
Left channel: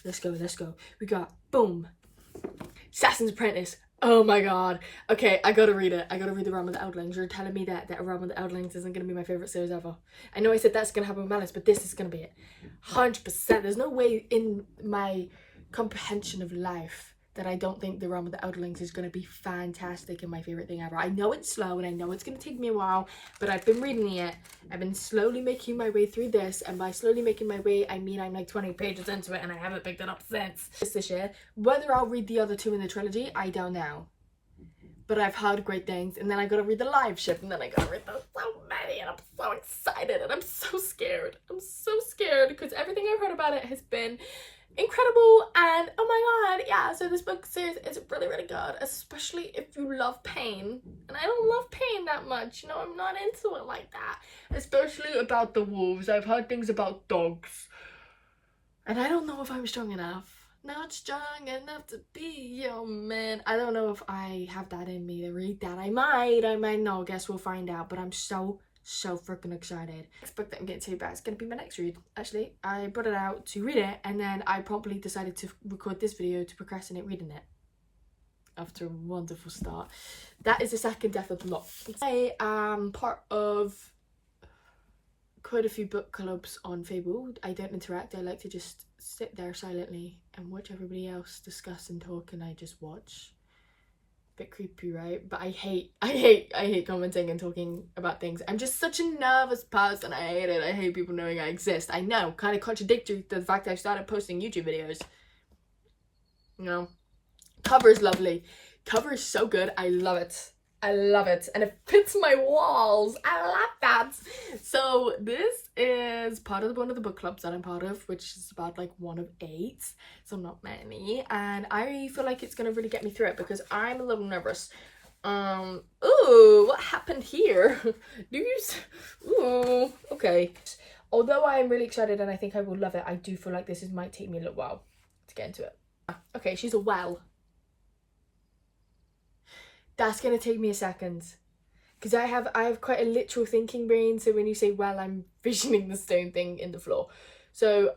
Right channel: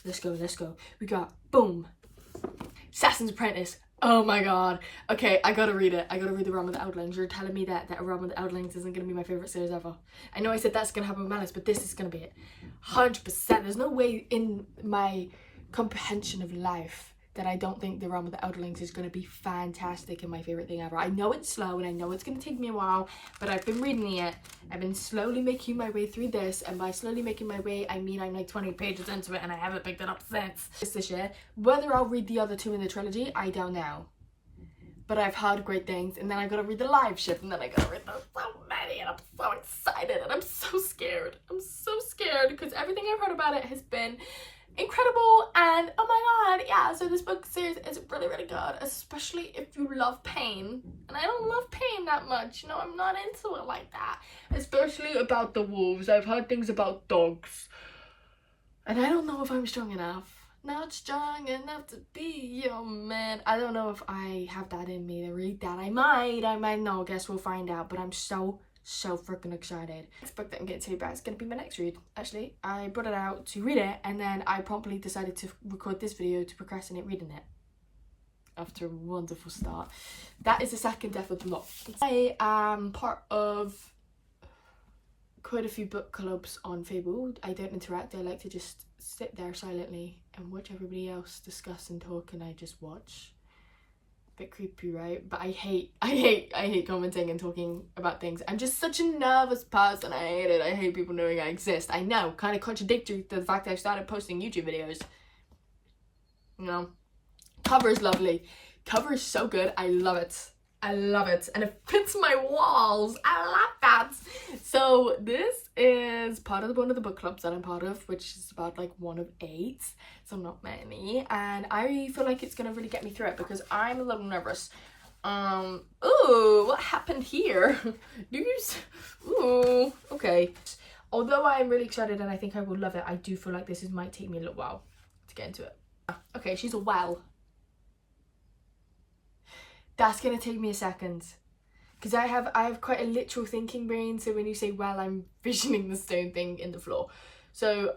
Let's go. We got, boom, Assassin's Apprentice. Oh my god. Okay, I gotta read it. I gotta read The Realm of the Eldlings. You're telling me that Realm of the Eldlings isn't gonna be my favourite series ever. I know I said that's gonna happen with Malice, but this is gonna be it. 100%. There's no way in my comprehension of life that I don't think The Realm of the Eldlings is going to be fantastic and my favourite thing ever. I know it's slow and I know it's going to take me a while, but I've been reading it. I've been slowly making my way through this, and by slowly making my way, I mean I'm like 20 pages into it and I haven't picked it up since this year. Whether I'll read the other 2 in the trilogy, I don't know. But I've heard great things, and then I gotta read the live ship, and then I gotta read so many, and I'm so excited, and I'm so scared. I'm so scared because everything I've heard about it has been incredible, and oh my god, yeah. So this book series is really, really good, especially if you love pain, and I don't love pain that much, you know. I'm not into it like that, especially about the wolves. I've heard things about dogs, and I don't know if I'm strong enough. Not strong enough to be your man. I don't know if I have that in me to read that. I might not. I guess we'll find out, but I'm so freaking excited. Next book that I'm getting to about is going to be my next read. Actually, I brought it out to read it, and then I promptly decided to record this video to procrastinate reading it after a wonderful start. That is the second Death of the Lot. I am part of quite a few book clubs on Fable. I don't interact. I like to just sit there silently and watch everybody else discuss and talk, and I just watch. Bit creepy, right? But I hate commenting and talking about things. I'm just such a nervous person. I hate it. I hate people knowing I exist. I know, kind of contradictory to the fact that I've started posting YouTube videos. You know, cover is lovely. Cover is so good. I love it. I love it, and it fits my walls. I love that. So this is part of one of the book clubs that I'm part of, which is about like 1 of 8, so not many, and I feel like it's gonna really get me through it because I'm a little nervous. Ooh, what happened here? Ooh, okay. Although I'm really excited and I think I will love it, I do feel like this might take me a little while to get into it. Okay, she's a well. That's gonna take me a second, because I have quite a literal thinking brain. So when you say well, I'm visioning the stone thing in the floor. So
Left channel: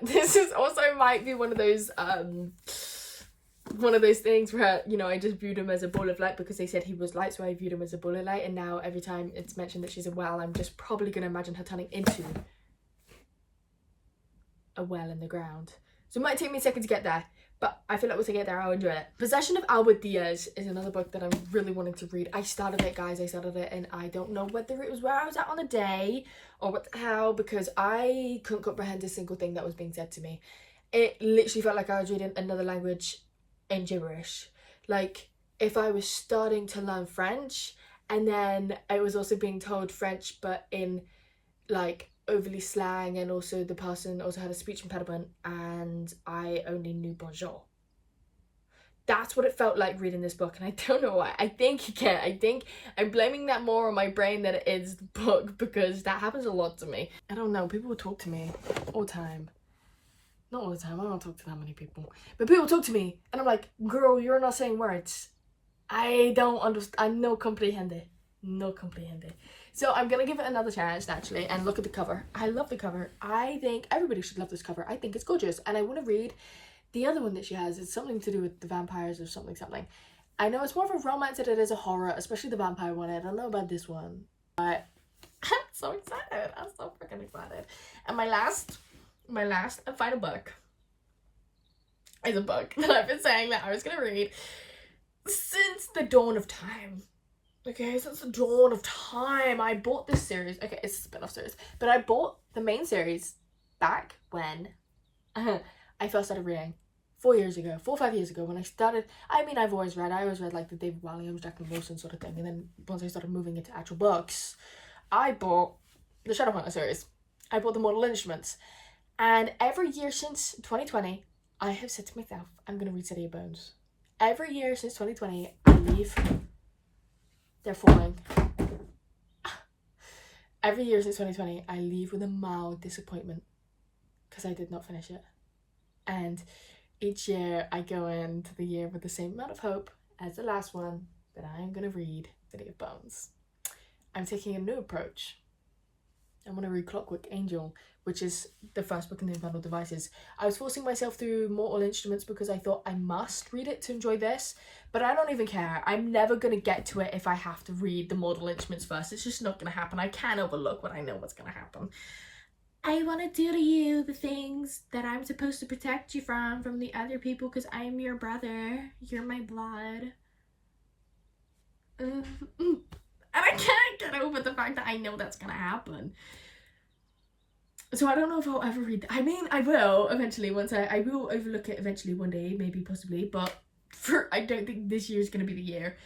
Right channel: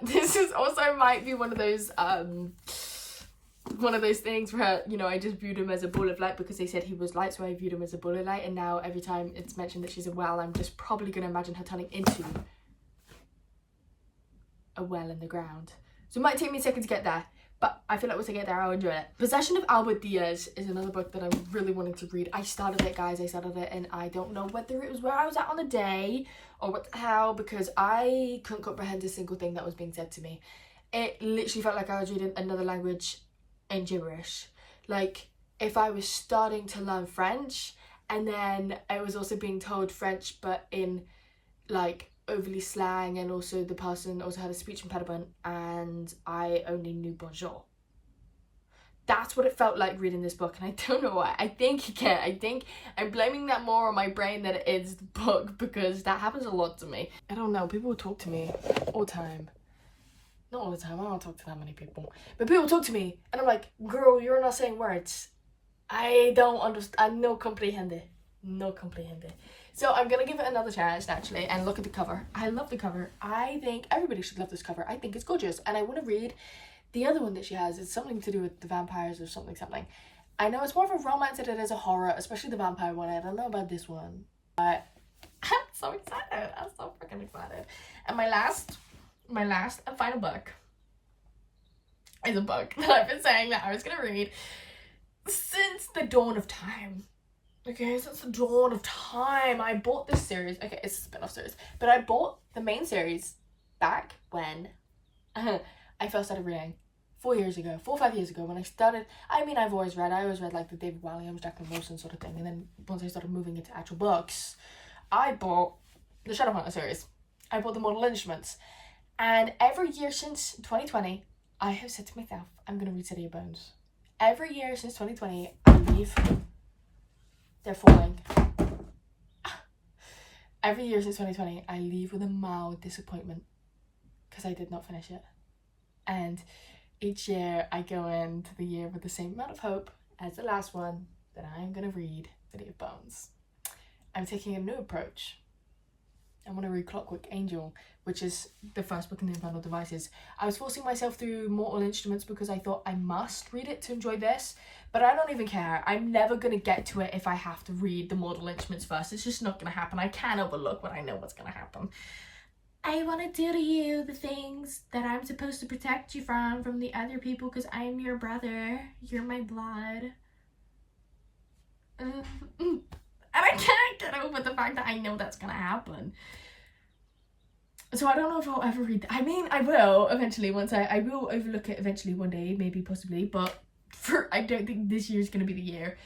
this is also might be one of those things where, you know, I just viewed him as a ball of light because they said he was light, so I viewed him as a ball of light. And now every time it's mentioned that she's a well, I'm just probably gonna imagine her turning into a well in the ground. So it might take me a second to get there, but I feel like once I get there, I'll enjoy it. Possession of Albert Diaz is another book that I'm really wanting to read. I started it, guys. I started it, and I don't know whether it was where I was at on the day or what the hell, because I couldn't comprehend a single thing that was being said to me. It literally felt like I was reading another language in gibberish. Like, if I was starting to learn French, and then I was also being told French, but in, like, overly slang, and also the person also had a speech impediment and I only knew bonjour. That's what it felt like reading this book, and I don't know why. I think I'm blaming that more on my brain than it is the book, because that happens a lot to me. I don't know, people talk to me all the time. Not all the time, I don't talk to that many people, but people talk to me and I'm like, girl, you're not saying words. I don't understand. No comprehende. So I'm gonna give it another chance, naturally, and look at the cover. I love the cover. I think everybody should love this cover. I think it's gorgeous, and I want to read the other one that she has. It's something to do with the vampires or something. I know it's more of a romance than it is a horror, especially the vampire one. I don't know about this one, but I'm so excited. I'm so freaking excited. And my last and final book is a book that I've been saying that I was gonna read since the dawn of time. Okay, since the dawn of time, I bought this series. Okay, it's a spin-off series, but I bought the main series back when I first started reading 4 or 5 years ago when I started. I mean, I always read like the David Walliams, Jacqueline Wilson sort of thing, and then once I started moving into actual books, I bought the Shadowhunter series. I bought the Mortal Instruments, and every year since 2020, I have said to myself, I'm gonna read City of Bones. Every year since 2020, I leave. They're falling. Every year since 2020, I leave with a mild disappointment because I did not finish it. And each year I go into the year with the same amount of hope as the last one, that I am going to read City of Bones. I'm taking a new approach. I want to read Clockwork Angel, which is the first book in the Infernal Devices. I was forcing myself through Mortal Instruments because I thought I must read it to enjoy this, but I don't even care. I'm never going to get to it if I have to read the Mortal Instruments first. It's just not going to happen. I can't overlook when I know what's going to happen. I want to do to you the things that I'm supposed to protect you from the other people, because I am your brother. You're my blood. And I can't get over the fact that I know that's gonna happen. So I don't know if I'll ever read that. I mean, I will eventually I will overlook it eventually one day, maybe, possibly, but I don't think this year is gonna be the year.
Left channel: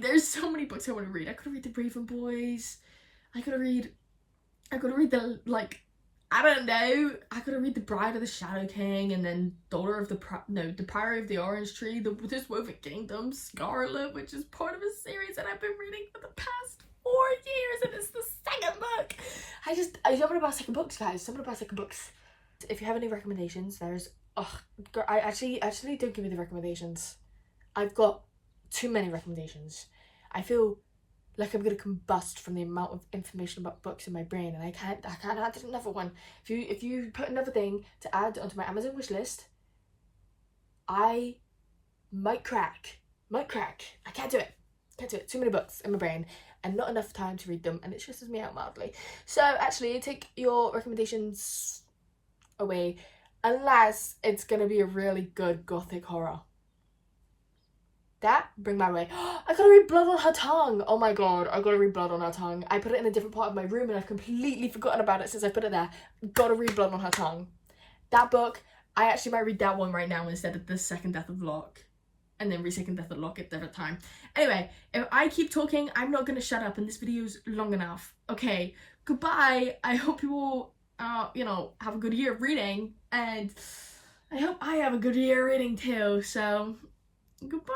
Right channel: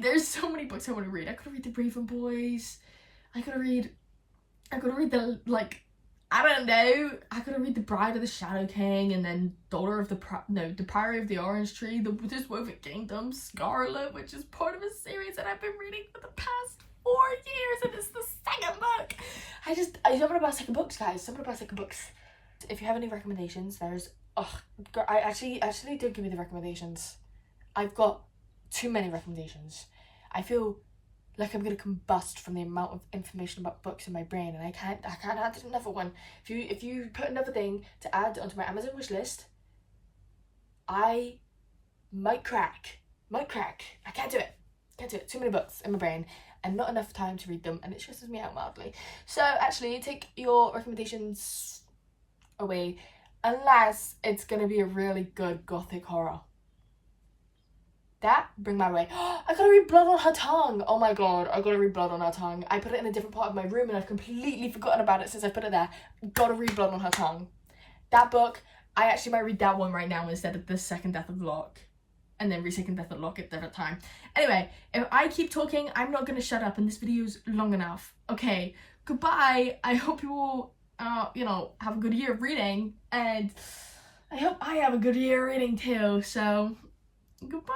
There's so many books I want to read. I could read The Raven Boys. I could read the, like, I don't know. I could read The Bride of the Shadow King, and then The Priory of the Orange Tree, This Woven Kingdom, Scarlet, which is part of a series that I've been reading for the past 4 years, and it's the second book. Something about second books, guys. Something about second books. If you have any recommendations, I actually don't give me the recommendations. I've got too many recommendations. I feel like I'm gonna combust from the amount of information about books in my brain, and I can't add another one. If you put another thing to add onto my Amazon wish list, I might crack. I can't do it. Too many books in my brain. and not enough time to read them, and it stresses me out mildly. So actually, take your recommendations away, unless it's gonna be a really good gothic horror. That bring my way. I gotta read Blood on Her Tongue. Oh my god, I gotta read Blood on Her Tongue. I put it in a different part of my room and I've completely forgotten about it since I put it there. Gotta read Blood on Her Tongue. That book, I actually might read that one right now instead of The Second Death of Locke. And then read Second Death of Locke at a different time. Anyway, if I keep talking, I'm not gonna shut up, and this video's long enough. Okay, goodbye. I hope you all, you know, have a good year of reading, and I hope I have a good year reading too, so goodbye.